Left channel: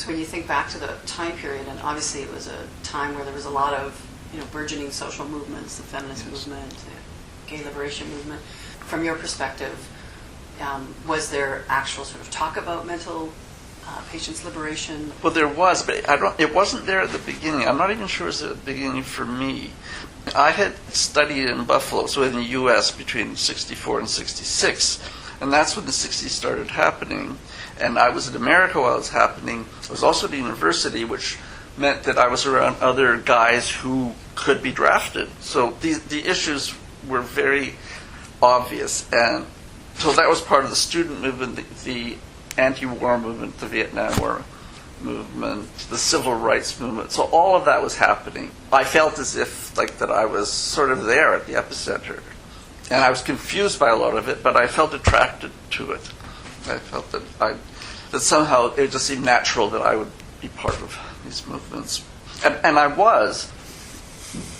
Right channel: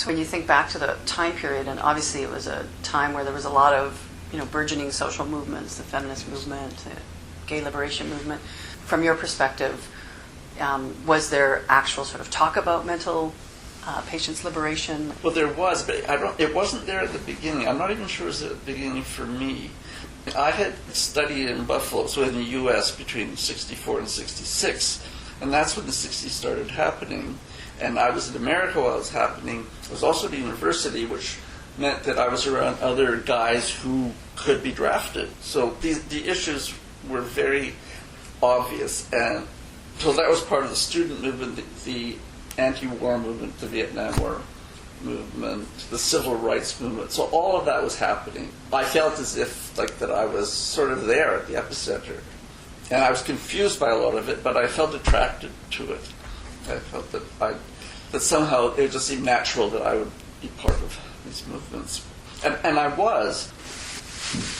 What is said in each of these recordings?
So when you think back to the time period, and obviously it was a time where there was a lot of, burgeoning social movements, the feminist movement, the gay liberation movement. From your perspective, was there actual sort of talk about mental patients' liberation? Well, there was, but it wasn't there at the beginning. I'm not even sure it was at the beginning for me. I had studied in Buffalo, so in the U.S. between 64 and 66, and that's when the 60s started happening. And I was in America while it was happening. I was also at the university, which meant that I was around other guys who could be drafted. So the issues were very obvious. And so that was part of the student movement, the anti-war movement, the Vietnam War movement, the civil rights movement. So all of that was happening. I felt as if that I was sort of there at the epicenter. And I was confused by a lot of it, but I felt attracted to it. I felt that somehow it just seemed natural that I would be part of these movements. And I was.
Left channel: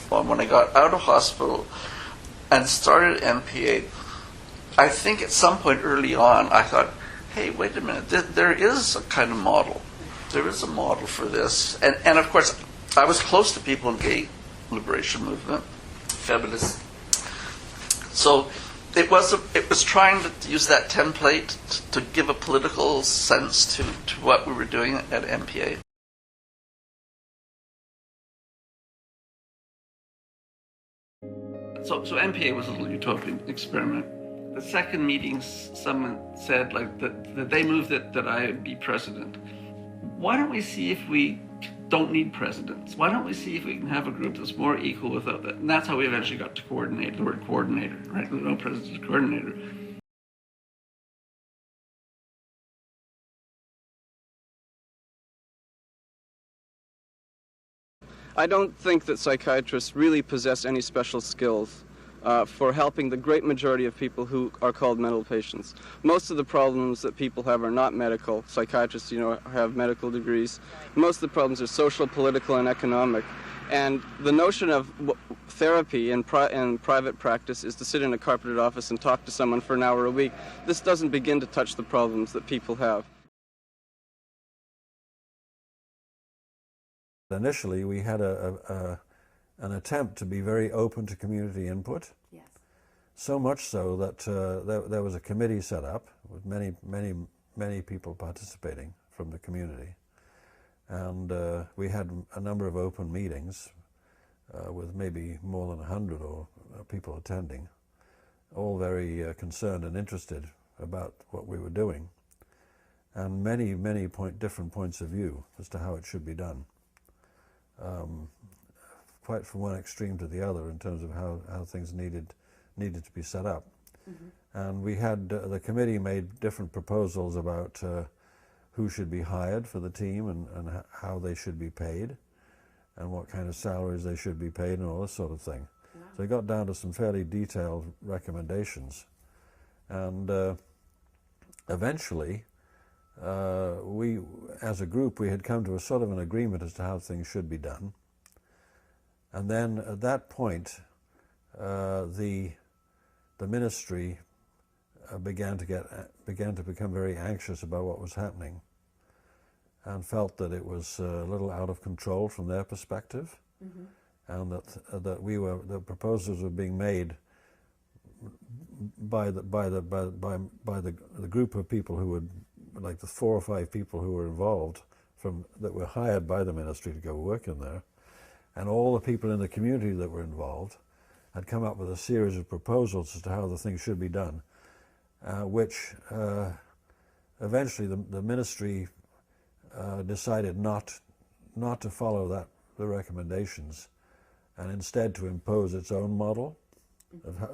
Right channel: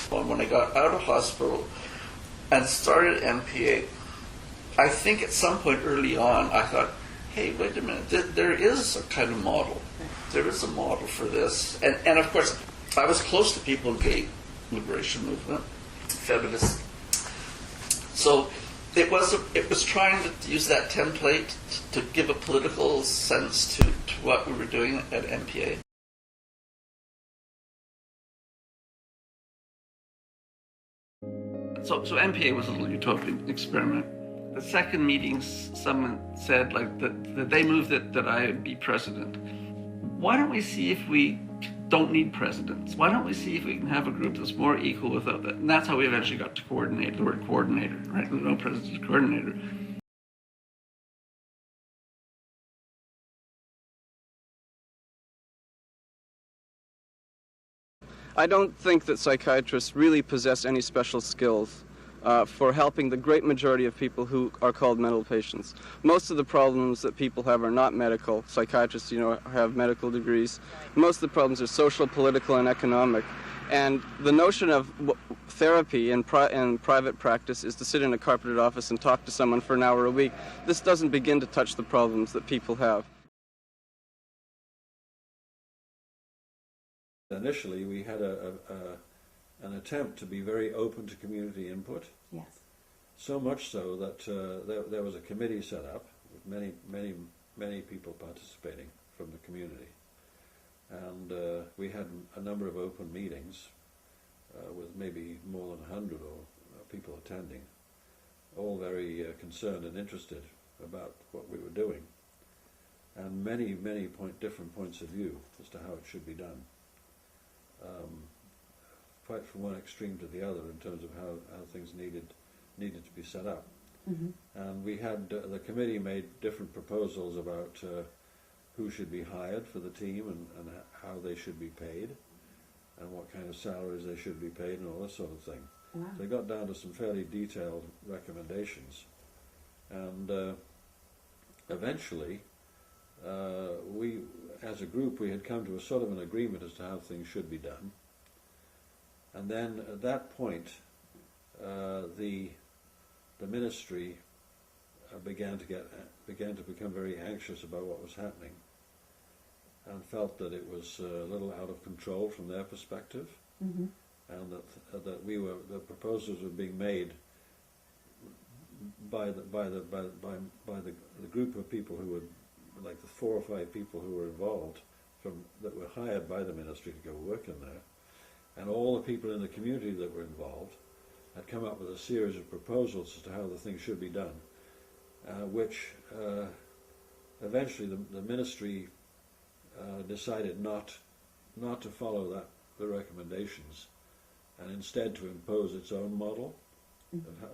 Well, when I got out of hospital and started MPA, I think at some point early on I thought, hey, wait a minute, there is a kind of model. There is a model for this. And of course, I was close to people in the gay liberation movement, feminists. So it was trying to use that template to give a political sense to what we were doing at MPA. So MPA was a little utopian experiment. The second meeting, someone said that they moved that I be president. Why don't we see if we don't need presidents? Why don't we see if we can have a group that's more equal without that? And that's how we eventually got to coordinate, the word coordinator, right? No president, coordinator. I don't think that psychiatrists really possess any special skills for helping the great majority of people who are called mental patients. Most of the problems that people have are not medical. Psychiatrists, have medical degrees. Most of the problems are social, political, and economic. And the notion of therapy in private practice is to sit in a carpeted office and talk to someone for an hour a week. This doesn't begin to touch the problems that people have. Initially, we had an attempt to be very open to community input. Yes. So much so that there was a committee set up with many people participating from the community. And we had a number of open meetings with maybe more than 100 people attending, all very concerned and interested about what we were doing, and many different points of view as to how it should be done. Quite from one extreme to the other in terms of how things needed to be set up. Mm-hmm. And we had, the committee made different proposals about who should be hired for the team and how they should be paid and what kind of salaries they should be paid and all this sort of thing. Wow. So they got down to some fairly detailed recommendations. And eventually, we, as a group, we had come to a sort of an agreement as to how things should be done. And then at that point, the ministry began to become very anxious about what was happening, and felt that it was a little out of control from their perspective, mm-hmm. and that the proposals were being made by the group of people who would, like the 4 or 5 people who were involved that were hired by the ministry to go work in there, and all the people in the community that were involved had come up with a series of proposals as to how the thing should be done, which eventually the ministry decided not to follow the recommendations, and instead to impose its own model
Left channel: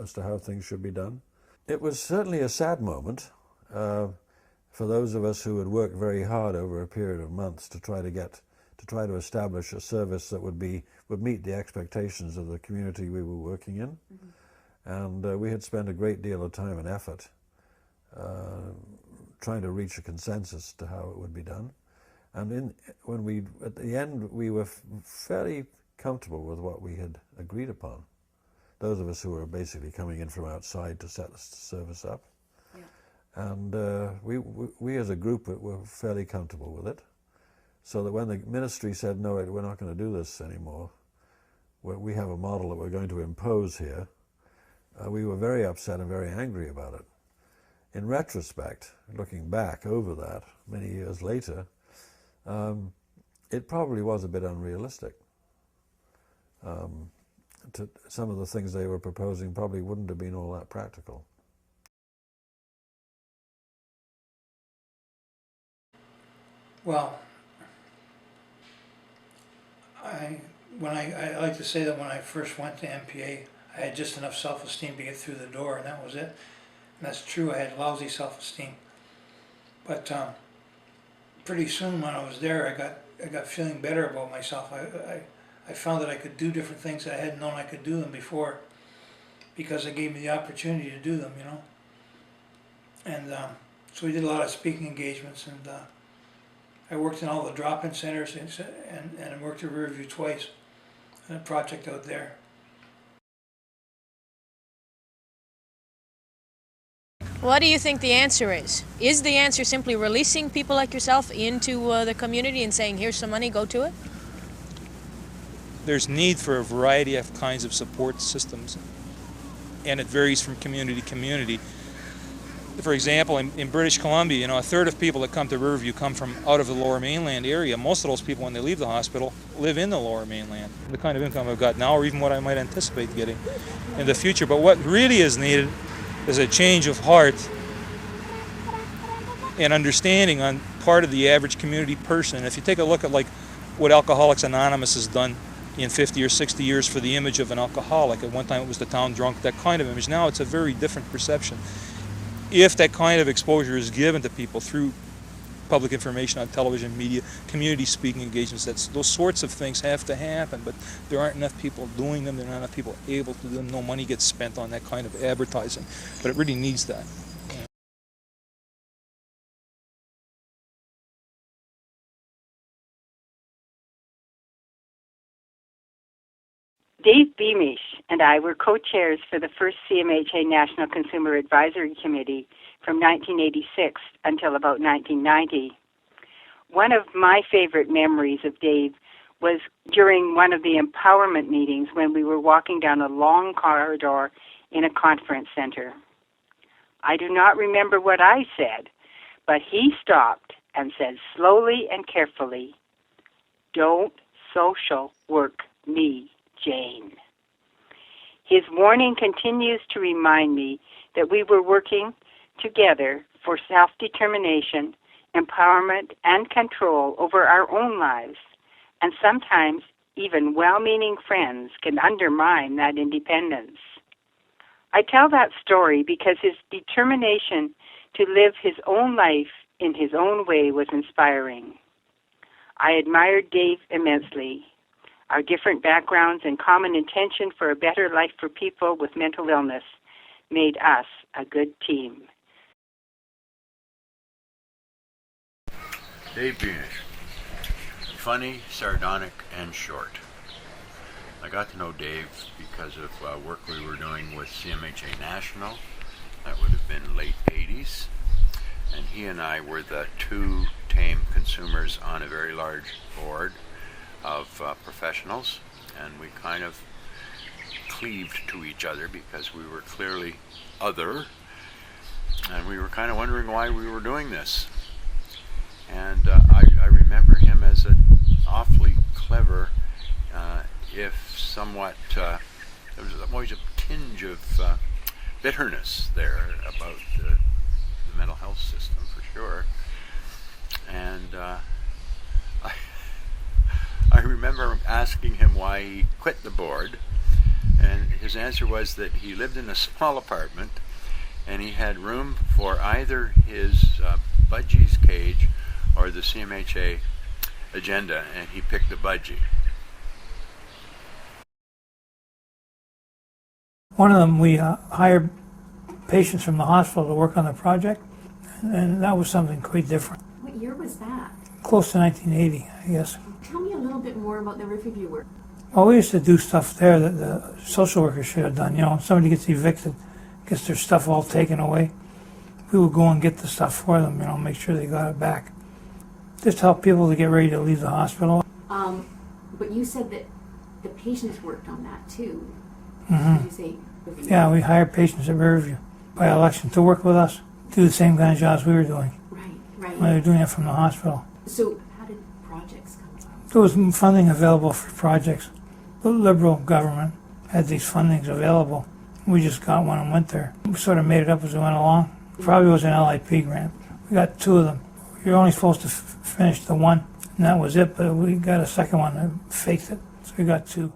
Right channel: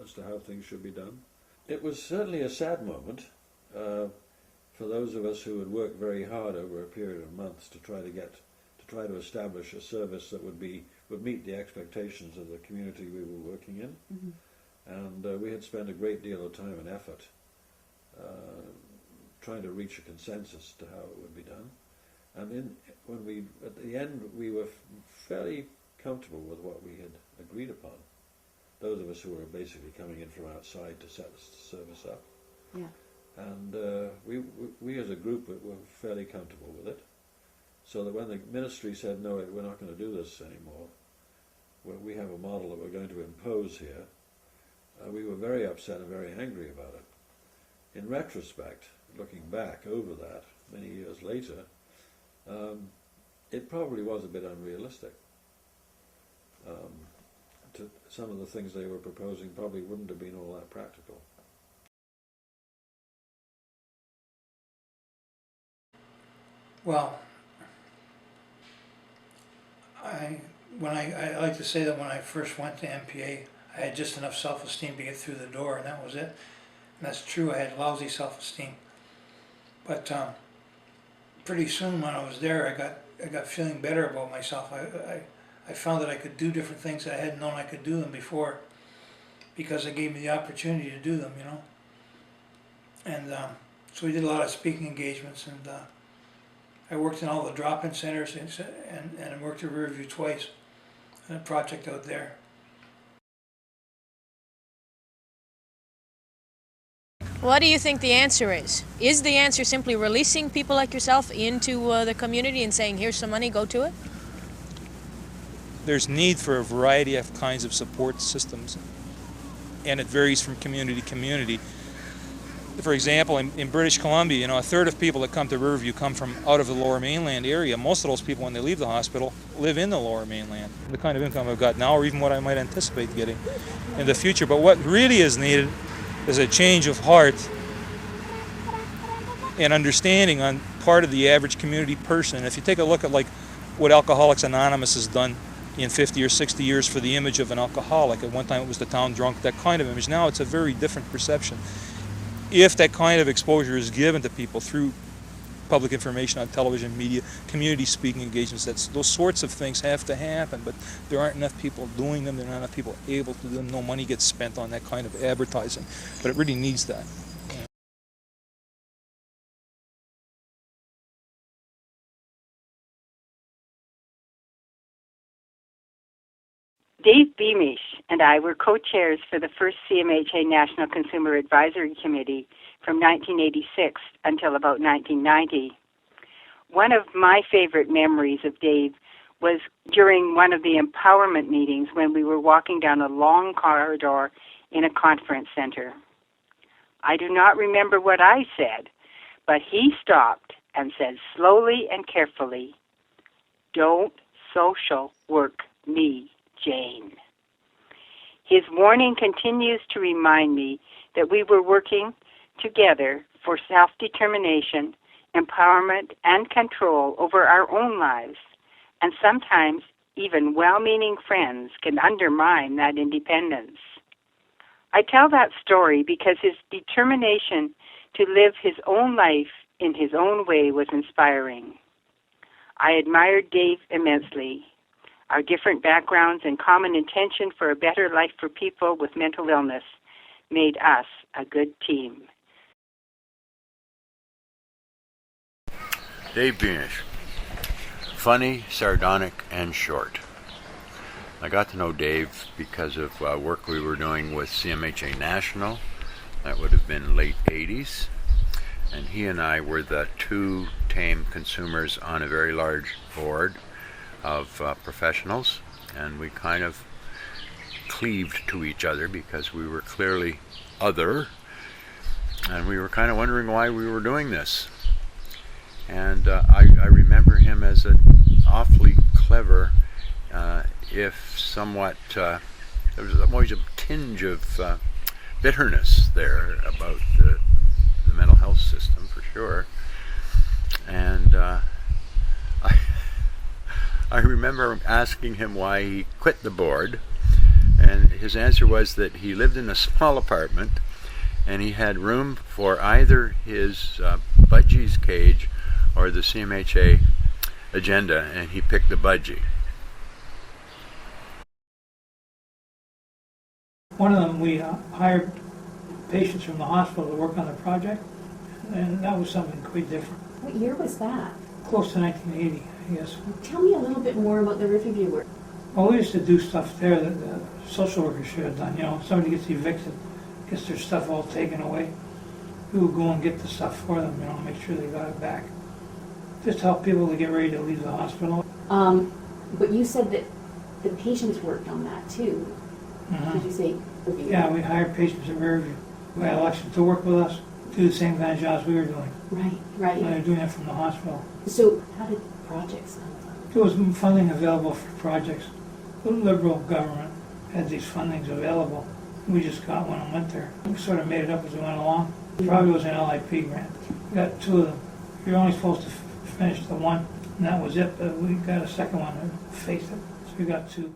as to how things should be done. It was certainly a sad moment for those of us who had worked very hard over a period of months to try to establish a service that would meet the expectations of the community we were working in. Mm-hmm. And we had spent a great deal of time and effort trying to reach a consensus to how it would be done. And at the end, we were fairly comfortable with what we had agreed upon. Those of us who were basically coming in from outside to set the service up. Yeah. And we as a group were fairly comfortable with it. So that when the ministry said, no, we're not going to do this anymore, we have a model that we're going to impose here, we were very upset and very angry about it. In retrospect, looking back over that many years later, it probably was a bit unrealistic. Some of the things they were proposing probably wouldn't have been all that practical. Well, I like to say that when I first went to MPA, I had just enough self-esteem to get through the door, and that was it. And that's true, I had lousy self-esteem. But pretty soon when I was there, I got feeling better about myself. I found that I could do different things that I hadn't known I could do them before, because it gave me the opportunity to do them, you know. And so we did a lot of speaking engagements, and I worked in all the drop-in centers, and I worked at Riverview twice on a project out there. What do you think the answer is? Is the answer simply releasing people like yourself into the community and saying, here's some money, go to it? There's need for a variety of kinds of support systems, and it varies from community to community. For example, in British Columbia, you know, a third of people that come to Riverview come from out of the Lower Mainland area. Most of those people, when they leave the hospital, live in the Lower Mainland. The kind of income I've got now, or even what I might anticipate getting in the future. But what really is needed is a change of heart and understanding on part of the average community person. If you take a look at like what Alcoholics Anonymous has done in 50 or 60 years for the image of an alcoholic. At one time it was the town drunk, that kind of image. Now it's a very different perception. If that kind of exposure is given to people through public information on television, media, community speaking engagements, those sorts of things have to happen, but there aren't enough people doing them, there aren't enough people able to do them, no money gets spent on that kind of advertising, but it really needs that. Dave Beamish and I were co-chairs for the first CMHA National Consumer Advisory Committee from 1986 until about 1990. One of my favorite memories of Dave was during one of the empowerment meetings when we were walking down a long corridor in a conference center. I do not remember what I said, but he stopped and said slowly and carefully, "Don't social work me, Jane." His warning continues to remind me that we were working together for self-determination, empowerment, and control over our own lives, and sometimes even well-meaning friends can undermine that independence. I tell that story because his determination to live his own life in his own way was inspiring. I admired Dave immensely. Our different backgrounds and common intention for a better life for people with mental illness made us a good team. Dave Beamish. Funny, sardonic, and short. I got to know Dave because of work we were doing with CMHA National. That would have been late 80s. And he and I were the two tame consumers on a very large board of professionals, and we kind of cleaved to each other because we were clearly other, and we were kind of wondering why we were doing this. And I remember him as an awfully clever, if somewhat, there was always a tinge of bitterness there about the mental health system, for sure. And I remember asking him why he quit the board, and his answer was that he lived in a small apartment and he had room for either his budgie's cage or the CMHA agenda, and he picked the budgie. One of them, we hired patients from the hospital to work on the project, and that was something quite different. What year was that? Close to 1980, I guess. Tell me a little bit more about the Riverview work. Well, we used to do stuff there that the social workers should have done. You know, if somebody gets evicted, gets their stuff all taken away, we would go and get the stuff for them, you know, make sure they got it back. Just help people to get ready to leave the hospital. But you said that the patients worked on that too. Did you say? Yeah, we hired patients at Riverview by election to work with us, do the same kind of jobs we were doing Right, right. when they were doing it from the hospital. So how did projects come about? There was funding available for projects. The Liberal government had these fundings available. We just got one and went there. We sort of made it up as we went along. Probably was an LIP grant. We got 2 of them. You're only supposed to finish the one, and that was it, but we got a second one that faked it, so we got 2.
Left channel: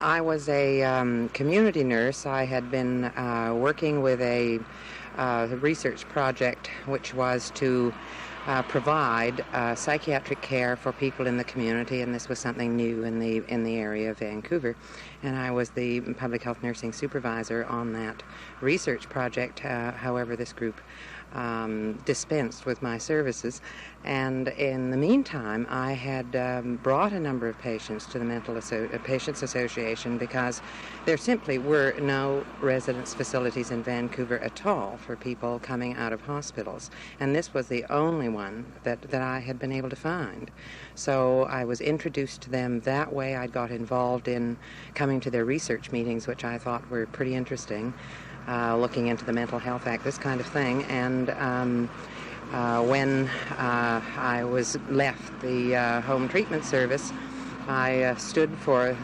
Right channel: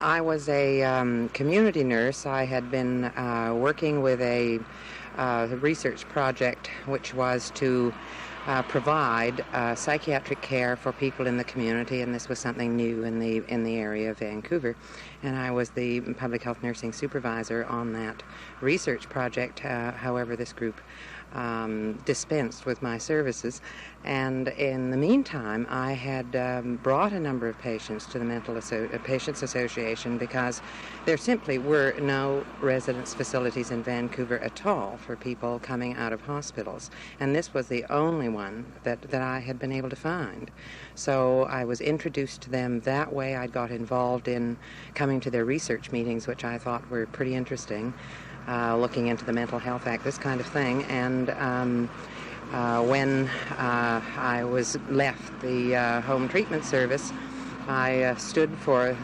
I was a community nurse. I had been working with a research project which was to provide psychiatric care for people in the community, and this was something new in the area of Vancouver. And I was the public health nursing supervisor on that research project. However, this group dispensed with my services, and in the meantime I had brought a number of patients to the Patients Association because there simply were no residence facilities in Vancouver at all for people coming out of hospitals, and this was the only one that I had been able to find. So I was introduced to them that way. I got involved in coming to their research meetings, which I thought were pretty interesting. Looking into the Mental Health Act, this kind of thing. And when I was left the home treatment service, I stood for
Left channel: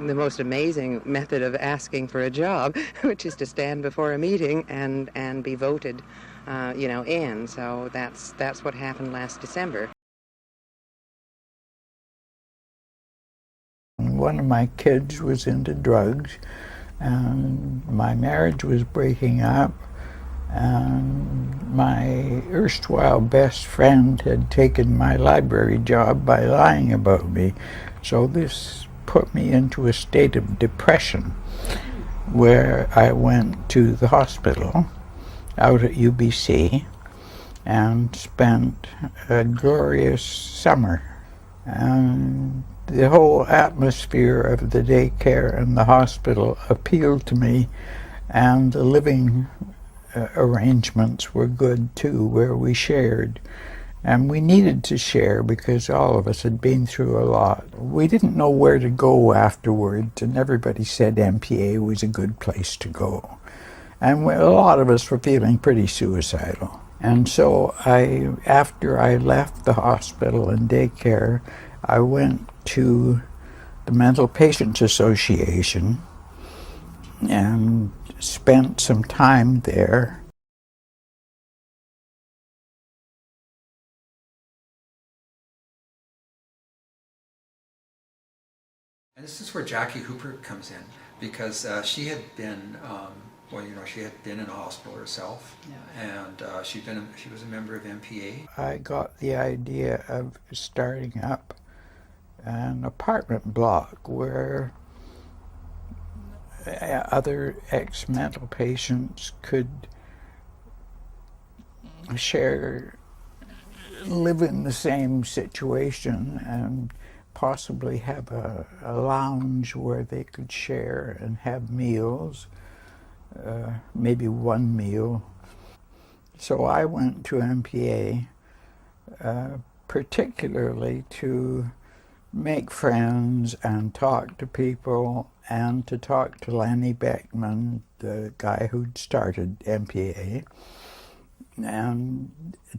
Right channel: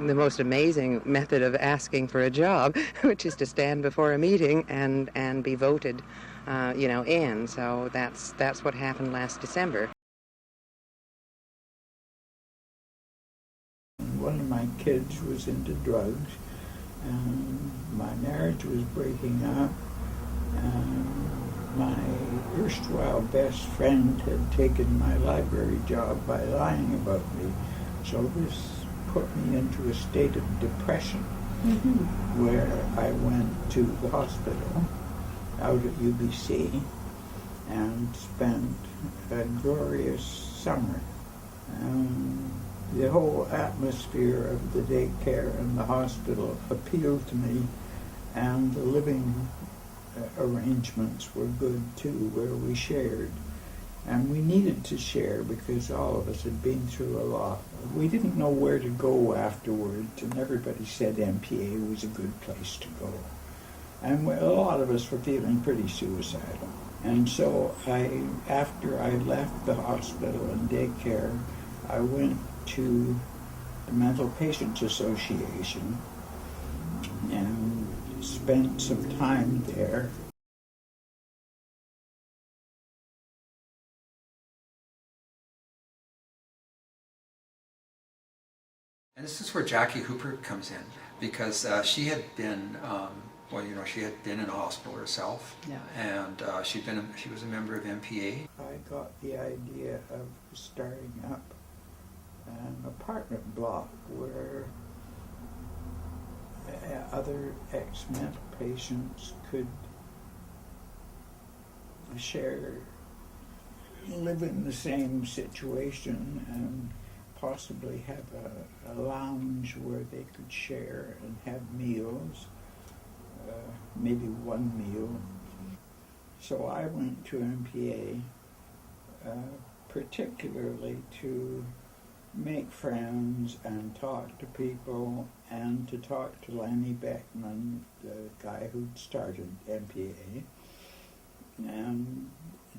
the most amazing method of asking for a job, which is to stand before a meeting and be voted, in. So that's what happened last December. One of my kids was into drugs, and my marriage was breaking up, and my erstwhile best friend had taken my library job by lying about me. So this put me into a state of depression, where I went to the hospital out at UBC and spent a glorious summer. And the whole atmosphere of the daycare and the hospital appealed to me, and the living arrangements were good too, where we shared. And we needed to share because all of us had been through a lot. We didn't know where to go afterwards, and everybody said MPA was a good place to go. And a lot of us were feeling pretty suicidal. And so after I left the hospital and daycare, I went to the Mental Patients Association and spent some time there. And this is where Jackie Hooper comes in, because she had been, she had been in a hospital herself, and she was a member of MPA. I got the idea of starting up an apartment block where other ex-mental patients could live in the same situation and possibly have a lounge where they could share and have meals, maybe one meal. So I went to MPA particularly to make friends and talk to people, and to talk to Lanny Beckman, the guy who'd started MPA, and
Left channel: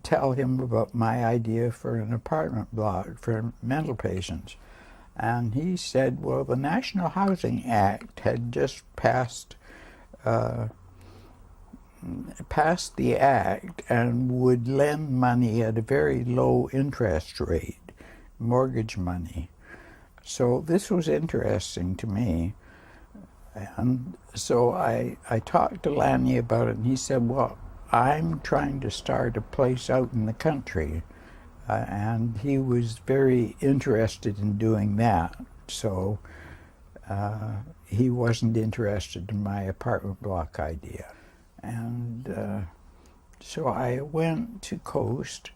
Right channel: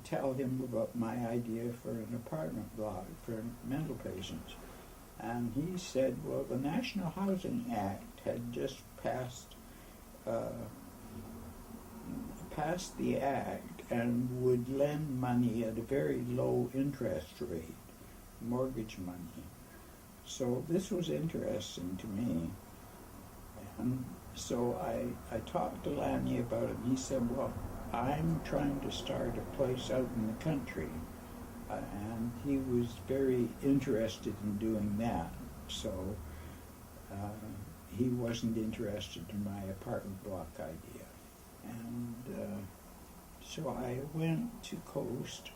tell him about my idea for an apartment block for mental patients. And he said, well, the National Housing Act had just passed the act and would lend money at a very low interest rate, mortgage money. So this was interesting to me. And so I talked to Lanny about it, and he said, well, I'm trying to start a place out in the country. And he was very interested in doing that. So he wasn't interested in my apartment block idea. And so I went to Coast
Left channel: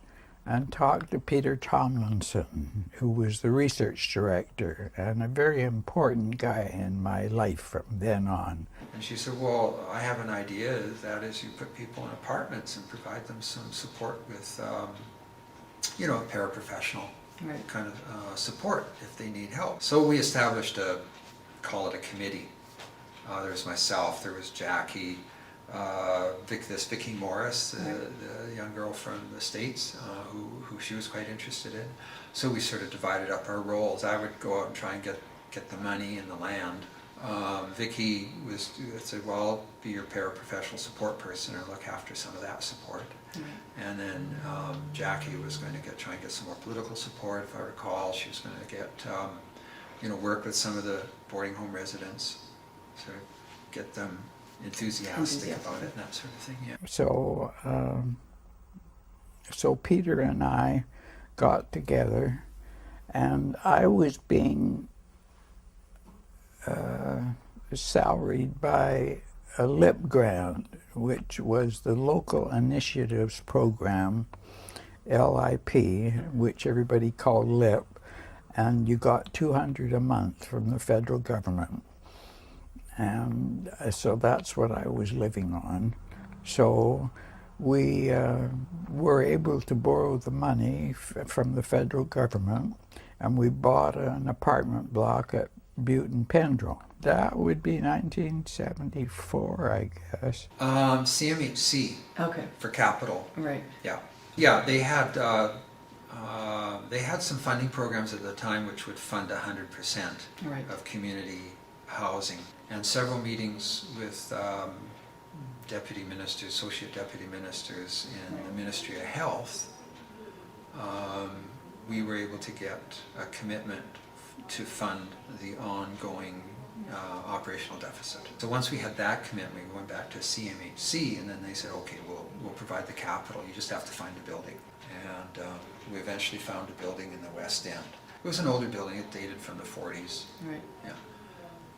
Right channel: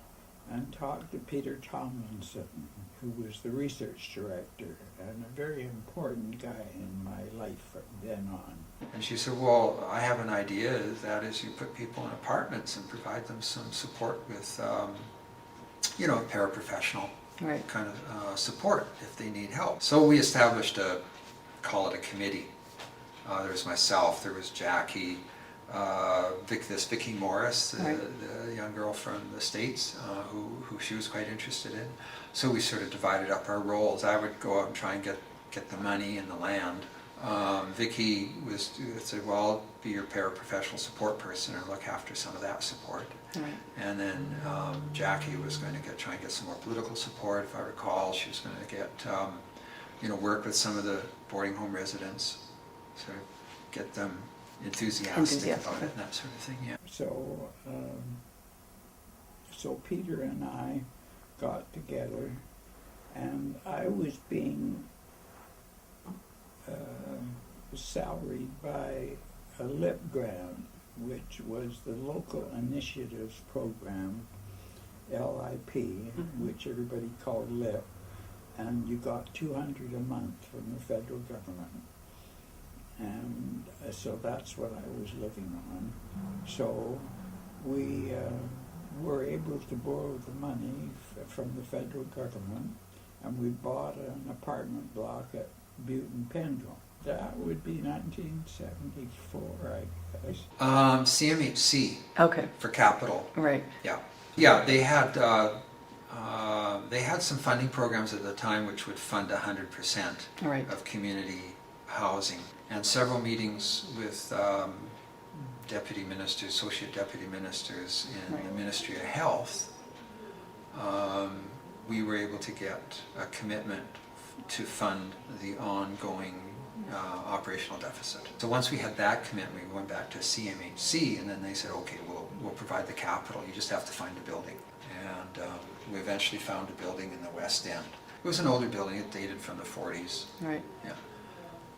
and talked to Peter Tomlinson, who was the research director and a very important guy in my life from then on. And she said, well, I have an idea, that is you put people in apartments and provide them some support with, you know, paraprofessional kind of support if they need help. So we established call it a committee. There was myself, there was Jackie, Vicki Morris, the young girl from the States, who she was quite interested in. So we sort of divided up our roles. I would go out and try and get the money and the land. Vicki said, well, I'll be your paraprofessional support person or look after some of that support. And then Jackie was going to try and get some more political support, if I recall. She was going to get, you know, work with some of the boarding home residents, sort of get them enthusiastic about it and that sort of thing. Yeah. So, so Peter and I got together, and I was being salaried by a LIP grant, which was the Local Initiatives Program, LIP, which everybody called LIP, and you got $200 a month from the federal government. And so that's what I was living on. So we were able to borrow the money from the federal government, and we bought an apartment block at Butte and Pendrell. That would be 1974, I guess. CMHC. Okay. For capital. Right. Yeah. Yeah, they had some funding programs at the time which would fund 100% of community housing. And several meetings with deputy ministers, associate deputy ministers in the Ministry of Health, we were able to get a commitment to fund the ongoing operational deficit. So once we had that commitment, we went back to CMHC, and then they said, okay, we'll provide the capital, you just have to find a building. And we eventually found a building in the West End. It was an older building, it dated from the 40s. Right. Yeah.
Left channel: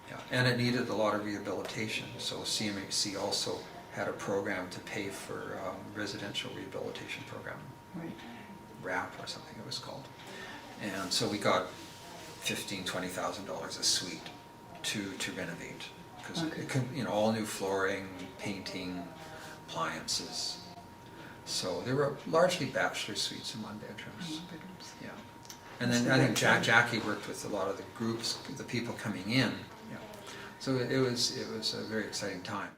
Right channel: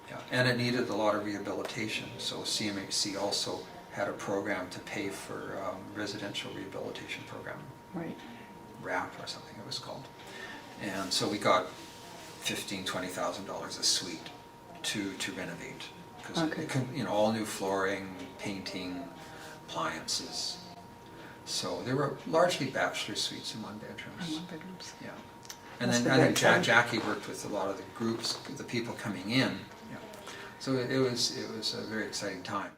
Yeah. And it needed a lot of rehabilitation, so CMHC also had a program to pay for residential rehabilitation program. Right. RAP or something it was called. And so we got $15,000, $20,000 a suite to renovate, because you know, all new flooring, painting, appliances. So they were largely bachelor suites and one bedrooms. Yeah. And then I think Jackie worked with a lot of the groups, the people coming in. Yeah. So it was a very exciting time.